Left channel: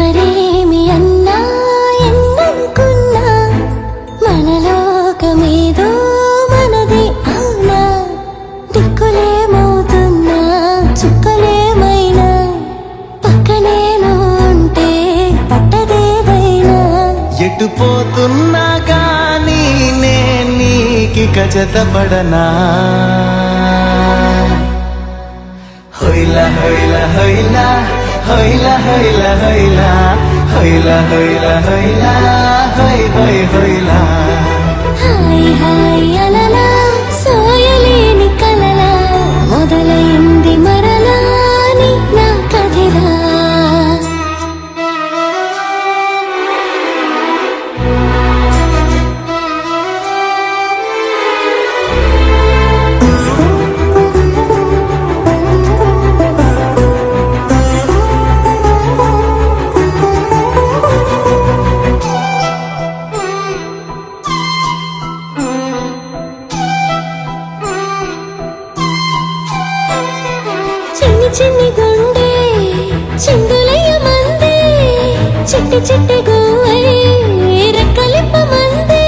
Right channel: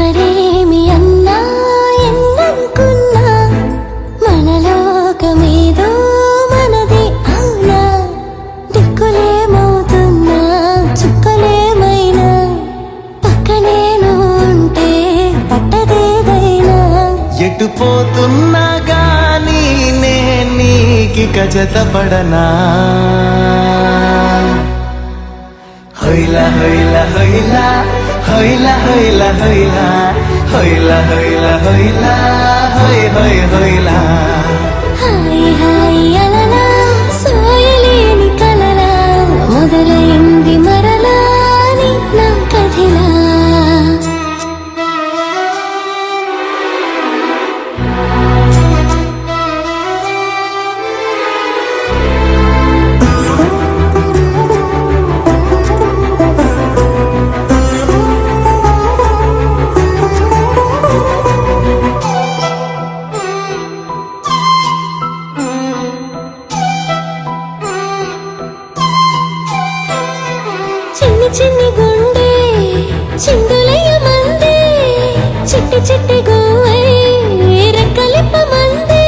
ఎవరేమి అన్నా ఎన్ననుకున్నా మనలోకమేదో మనది అవునా దిక్కులేమవుతున్నా చుక్కలేమైనా పక్కనేను ఉంటే పట్టదేదైనా ఎటు పోతున్నా గానీ నీకిక జతపడనా హొయ్లా హొయ్లా హొయ్లా హొయ్లా హొయ్లా హొయ్లా హొయ్లా హొయ్లా హొయ్ హొయ్ హొయ్లా హాయ్ హాయ్ అలలా సోయలేని కలలా మొదలైంది మరలా నీ నా కథిలా చిన్ని చిన్ని గుండె చిందులయ్య మందే చిట్టి చిట్టి గువ్వై రెక్కలిప్ప మందే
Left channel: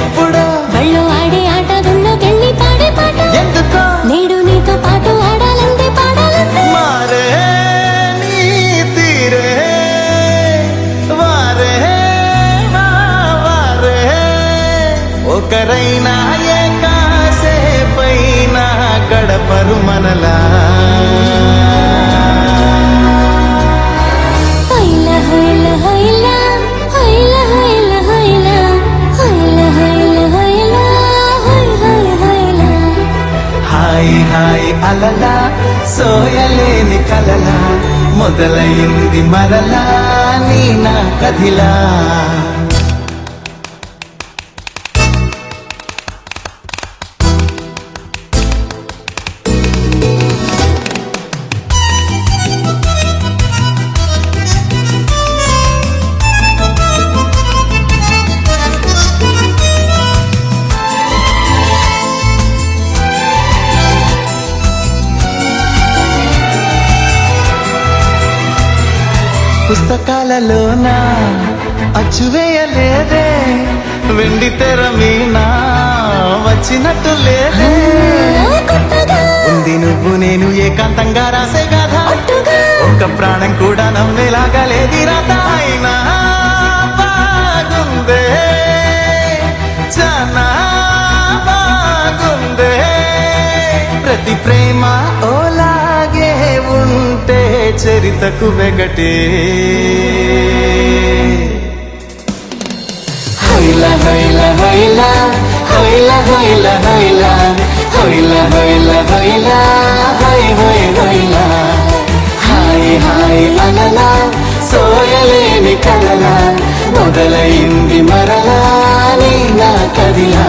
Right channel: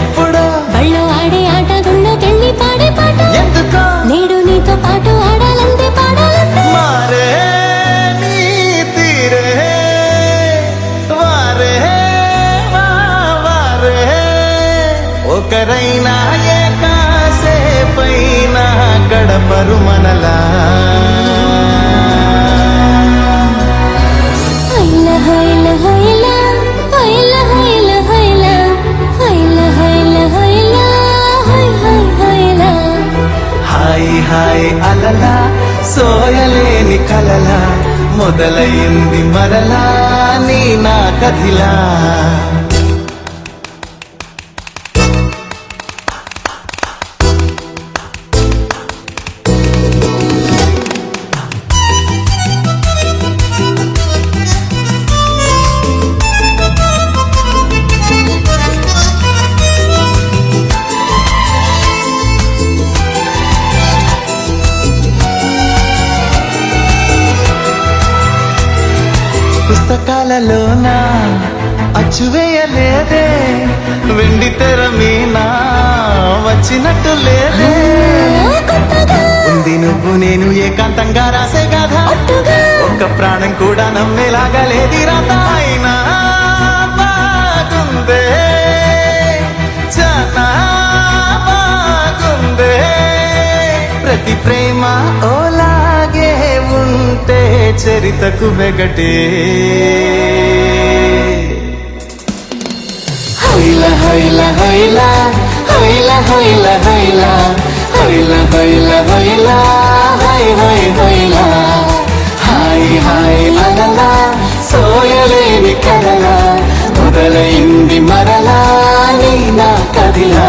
ఎప్పుడో బళ్ళు ఆడే ఆట గుళ్ళోకెళ్ళి పాడే పాట ఎందుకో నేడు నీతో పాటు ఆడాలంతే పాడాలంతే మారే నీ తీరే వారే వారే ఒకరైనా ఏ కాసేపైనా గడపరు మనలా హొయ్లా హొయ్లా హొయ్లా హొయ్లా హొయ్లా హొయ్లా హొయ్లా హొయ్లా హొయ్లా హొయ్ హొయ్ హొయ్లా హాయ్ హాయ్ అలలా సోయలేని కలలా మొదలైంది మరలా నీ నా కథిలా పుస్తకాలలోన అచ్చువేయలేదే వెండి తెర మీనా వచ్చినట్టు లేదే కొత్తగా ఉంది నువ్వు నేను ఏకాంతంగా రాసే కథ ఒట్టుగా ఒక్క ప్రాణం కూడా నమ్మేలాగా లేది రాత అయినా బాగుందే చాలా బాగుందే ప్రతి ప్రేమ ఓలాగే ఉంటే చరితకు వెగటే హొయ్లా హొయ్లా హొయ్లా హొయ్లా హొయ్లా హొయ్లా హొయ్లా హొయ్లా హొయ్లా హొయ్ హొయ్ హొయ్లా హాయ్ హాయ్ అలలా సోయలేని కలలా మొదలైంది మరలా నీ నా కథిలా